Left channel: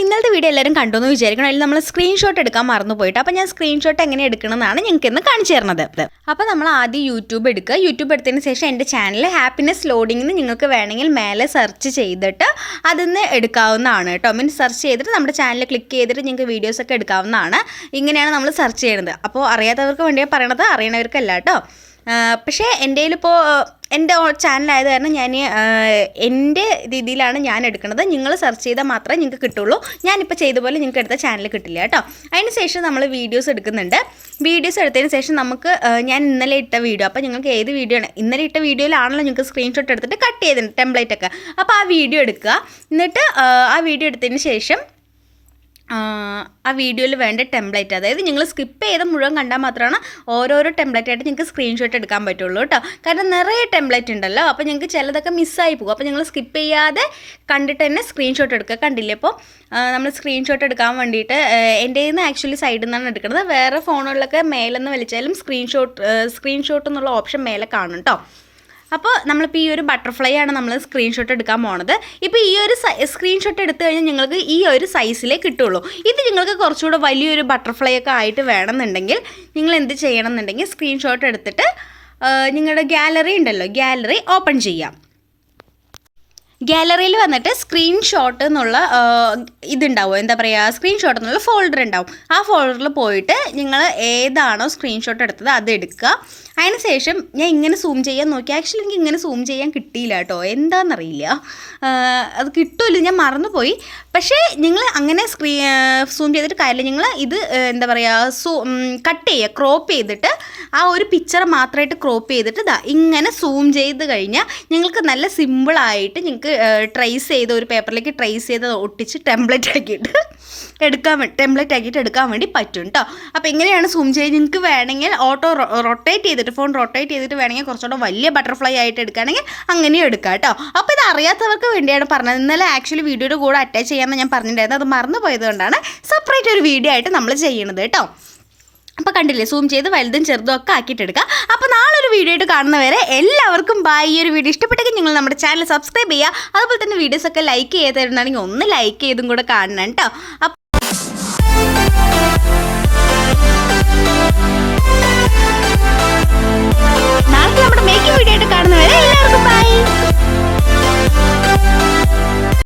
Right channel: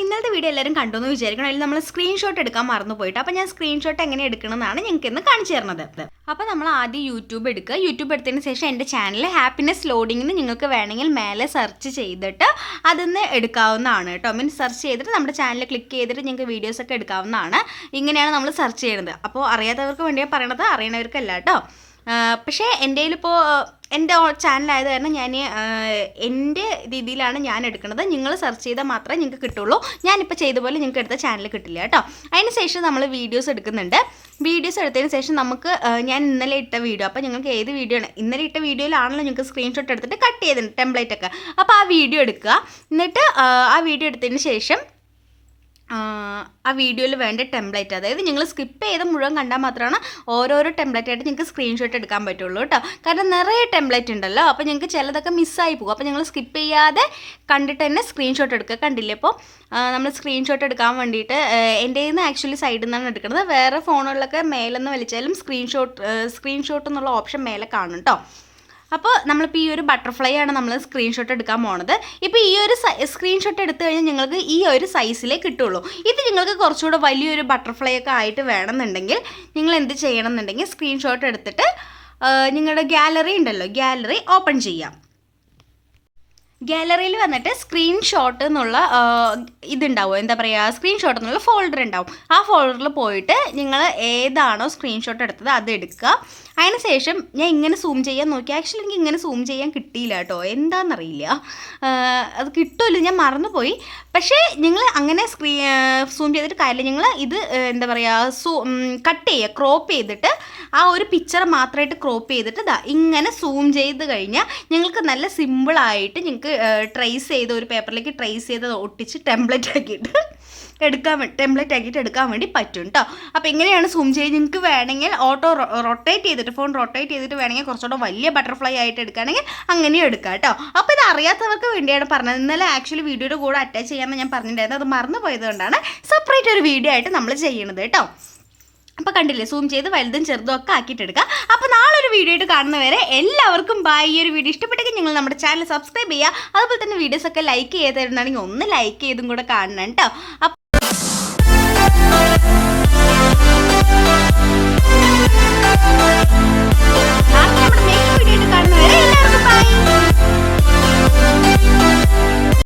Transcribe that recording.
ഇന്നലത്തെ വീഡിയോ എല്ലാവരും കണ്ടു എന്ന് വിചാരിക്കണം. അതിൽ നമ്മൾ സ്ക്രീൻഷോട്ട് എടുക്കാൻ മറന്നു പോയിട്ട് അപ്പോൾ ഞാൻ സ്ക്രീൻഷോട്ട് എങ്ങനെ എടുക്കണമെന്നാണ് ഞങ്ങൾക്ക് ഇന്ന് കാണിച്ചു തരുന്നത് അപ്പോൾ നമ്മൾ ആദ്യം യൂട്യൂബ് എടുക്കുക. യൂട്യൂബ് എടുത്തതിന് ശേഷം എന്റെ ചാനൽ ഹാപ്പിനെസ് ലോഡിംഗ് എന്ന് നിങ്ങൾക്ക് വേണമെങ്കിൽ മേലെ സെർച്ച് ചെയ്തിട്ട് അതിന്ന് എടുക്കാവുന്നതാണ് കേട്ടോ. മീൻസ് സെർച്ച് ചെയ്തിട്ട് നമ്മുടെ ചാനൽ ക്ലിക്ക് ചെയ്തിട്ട് നിങ്ങൾക്ക് വീഡിയോസ് ഒക്കെ എടുക്കാവുന്നതാണ്. ഇങ്ങനെയാണ് നമ്മൾ സെർച്ച് ചെയ്യുന്നത് അപ്പോൾ അറിയാത്തവർക്ക് വേണ്ടിയാണ് പറയണത്. അറിയണവർക്കല്ല കേട്ടോ. പക്ഷേ എന്റെ കയ്യിലിപ്പോൾ എന്റെ ചാനലായത് കാരണം ഞാൻ എന്റെ രീതിയിലാണ് ഞാൻ എടുക്കുന്നത്. നിങ്ങൾ സെർച്ച് ചെയ്താൽ മാത്രമേ നിങ്ങൾക്ക് കിട്ടുള്ളൂ. ഞാനിപ്പോൾ ചെയ്ത പോലെ നിങ്ങൾക്ക് എടുത്ത ചാനൽ കിട്ടില്ല കേട്ടോ. അതിന് ശേഷം നമ്മൾ വീഡിയോസ് എടുക്കുന്നുണ്ട്. വീഡിയോസ് എടുത്തതിന് ശേഷം നമുക്ക് ഞാൻ ഇന്നലെ ഇട്ട വീഡിയോ അപ്പോൾ നിങ്ങൾക്ക് ഏത് വീഡിയോ ആണ്? ഇന്നലെ ഇട്ട വീഡിയോയിലാണല്ലോ നിങ്ങൾക്ക് സ്ക്രീൻഷോട്ട് എടുത്തിട്ട് കട്ട് ചെയ്തിട്ടുണ്ട് ടെംപ്ലേറ്റ് ഒക്കെ. അപ്പോൾ ആ വീഡിയോ എടുക്കുക. എന്നിട്ട് ആ, വീഡിയോ എടുത്തതിന് ശേഷം ആ, വീഡിയോയിൽ വേണ്ട ടെംപ്ലേറ്റ് അതായത് നിങ്ങൾ സ്കിപ്പ് ചെയ്ത മുഴുവൻ കണ്ടാൽ മാത്രമാണ് ഓരോരോ ടെംപ്ലേറ്റ് ആയിട്ട് നിങ്ങൾക്ക് സ്ക്രീൻഷോട്ട് എടുക്കാൻ പറ്റുള്ളൂ കേട്ടോ. കാരണം നിറയെ ടെംപ്ലേറ്റ് ഉണ്ടല്ലോ. അപ്പോൾ നിങ്ങൾക്ക് ചിലതൊക്കെ മിസ്സായി പോകും. അപ്പോൾ നിങ്ങൾ സ്കിപ്പ് ചെയ്യാതെ കണ്ടിട്ട് തന്നെ സ്ക്രീൻഷോട്ട് എടുക്കുക. കണ്ടില്ലേ? അപ്പോൾ നമ്മൾ സ്ക്രീൻഷോട്ട് എടുക്കാൻ വേണ്ടിയിട്ട് എന്റെ നിന്ന് ആക്ച്വലി സൈഡിൽ നിന്നാണ് എടുക്കുന്നത്. വേറെ ഫോണുകളിലൊക്കെ മേലെന്ന് വലിച്ചാലും സ്ക്രീൻഷോട്ട് സ്ക്രീൻഷോട്ട് എന്നുള്ള ഓപ്ഷൻ മേലെ കാണും കേട്ടോ. അപ്പോൾ നമ്മളിപ്പോൾ ഈ ഒരു ബട്ടർഫ്ലൈ ആണ് നമ്മൾ സ്ക്രീൻഷോട്ട് എടുക്കാൻ പോണത്. ഇപ്പോൾ ഈ ഒരു സ്ക്രീൻഷോട്ട് എടുത്തു കഴിഞ്ഞാൽ നിങ്ങൾക്ക് ഈ ഒരു സൈസിലേ കിട്ടുള്ളൂ. ഇത് നിങ്ങൾക്ക് കുറച്ചുകൂടെ വലിയൊരു ബട്ടർഫ്ലൈ ഒക്കെ ആയിട്ട് വേണമെന്നുണ്ടെങ്കിൽ നിങ്ങൾ എന്ത് ചെയ്യണം എന്നുണ്ടെങ്കിൽ സ്ക്രീൻഷോട്ട് എടുത്തിട്ട് നിങ്ങളുടെ ഗാലറി ഉണ്ടല്ലോ ഗാലറി ഓപ്പൺ ചെയ്യാം. ഗാലറിയിൽ വന്നിട്ട് സ്ക്രീൻഷോട്ട് എന്നുള്ള ഇതുണ്ടാവും. എന്താ പറയുക സ്ക്രീൻഷോട്ട് എന്നുള്ള ഫോൾഡർ ഉണ്ടാവും. ആ ഫോൾഡറിൽ പോയിട്ട് നിങ്ങൾ ഏതാണോ സ്ക്രീൻഷോട്ട് എടുത്തത് അത് എടുക്കുക. അതിന് ശേഷം ഞാൻ ഇങ്ങനെ സൂം ചെയ്യാൻ നോക്കി. ആക്ച്വലി എനിക്ക് ഇങ്ങനെ സൂം ചെയ്യാൻ കിട്ടിയില്ല കേട്ടോ. എന്താണെന്നറിയില്ല അത് കിട്ടുമല്ലോ ഞാൻ മറന്നുപോയി. പക്ഷേ നിങ്ങൾ അങ്ങനെ സ്ക്രീ സൂം ചെയ്തിട്ട് കാര്യമില്ല. നിങ്ങൾ ഇത് എന്താ പറയുക സൂ കട്ട് ചെയ്യുക. ക്രോപ്പ് ചെയ്തിട്ട് ആ ഒരു പിക്ചർ മാത്രമായിട്ട് ക്രോപ്പ് ചെയ്തിട്ട് ഇതാ ഇങ്ങനെ സൂം ചെയ്ത് കഴിഞ്ഞാൽ ഞങ്ങൾക്ക് നല്ല സിമ്പിളായിട്ട് ഞങ്ങൾക്ക് ട്രേസ് ചെയ്ത് ഒരു പേപ്പറിലേക്ക് ട്രേസ് ചെയ്ത് ഒട്ടിച്ച് ടെംപ്ലേറ്റ് ആക്കിയിട്ട് എടുക്കാൻ ടെംപ്ലേറ്റ് ആക്കിയിട്ട് എടുക്കാൻ വേണ്ടി പറ്റും കേട്ടോ അപ്പോൾ എങ്ങനെയാണ് സൂം ചെയ്ത് നിങ്ങൾക്ക് വേണമെങ്കിൽ ഓട്ടോ റൊട്ടേറ്റ് ചെയ്തിട്ട് ഫോൺ റൊട്ടേറ്റ് ചെയ്തിട്ട് വേണമെങ്കിൽ കുറച്ചുകൂടെ വലിയ ബട്ടർഫ്ലൈ ആയിട്ട് എടുക്കുകയാണെങ്കിൽ അങ്ങനെയും എടുക്കാം കേട്ടോ അപ്പോൾ ഇത് അറിയാത്തവർക്ക് വേണ്ടിയാണ് പറഞ്ഞത്. ഇന്നലെ ആക്ച്വലി വീഡിയോയുടെ കൂടെ അറ്റാച്ച് ചെയ്യാമെന്ന് ഞാൻ പറഞ്ഞിട്ടുണ്ടായിരുന്നു. അത് മറന്നു പോയത് കൊണ്ടാണ് സെപ്പറേറ്റ് ഒരു വീഡിയോ ആയിട്ട് നമ്മൾ ചെയ്യണത് കേട്ടോ അപ്പോൾ കണ്ടില്ലേ സൂം ചെയ്ത് വലുതും ചെറുതും ഒക്കെ ആക്കിയിട്ടെടുക്കുക. അപ്പോൾ നാളെ ഒരു വീഡിയോ ആയിട്ട് കാണുന്നവരെ എല്ലാവർക്കും ബൈ ഈ ഒരു വീഡിയോ ഇഷ്ടപ്പെട്ടെങ്കിൽ നിങ്ങൾ നമ്മുടെ ചാനൽ സബ്സ്ക്രൈബ് ചെയ്യുക. അതുപോലെ തന്നെ വീഡിയോസ് ഒക്കെ ലൈക്ക് തരുന്നതാണെങ്കിൽ ഒന്ന് ലൈക്ക് ചെയ്തും കൂടെ കാണണം കേട്ടോ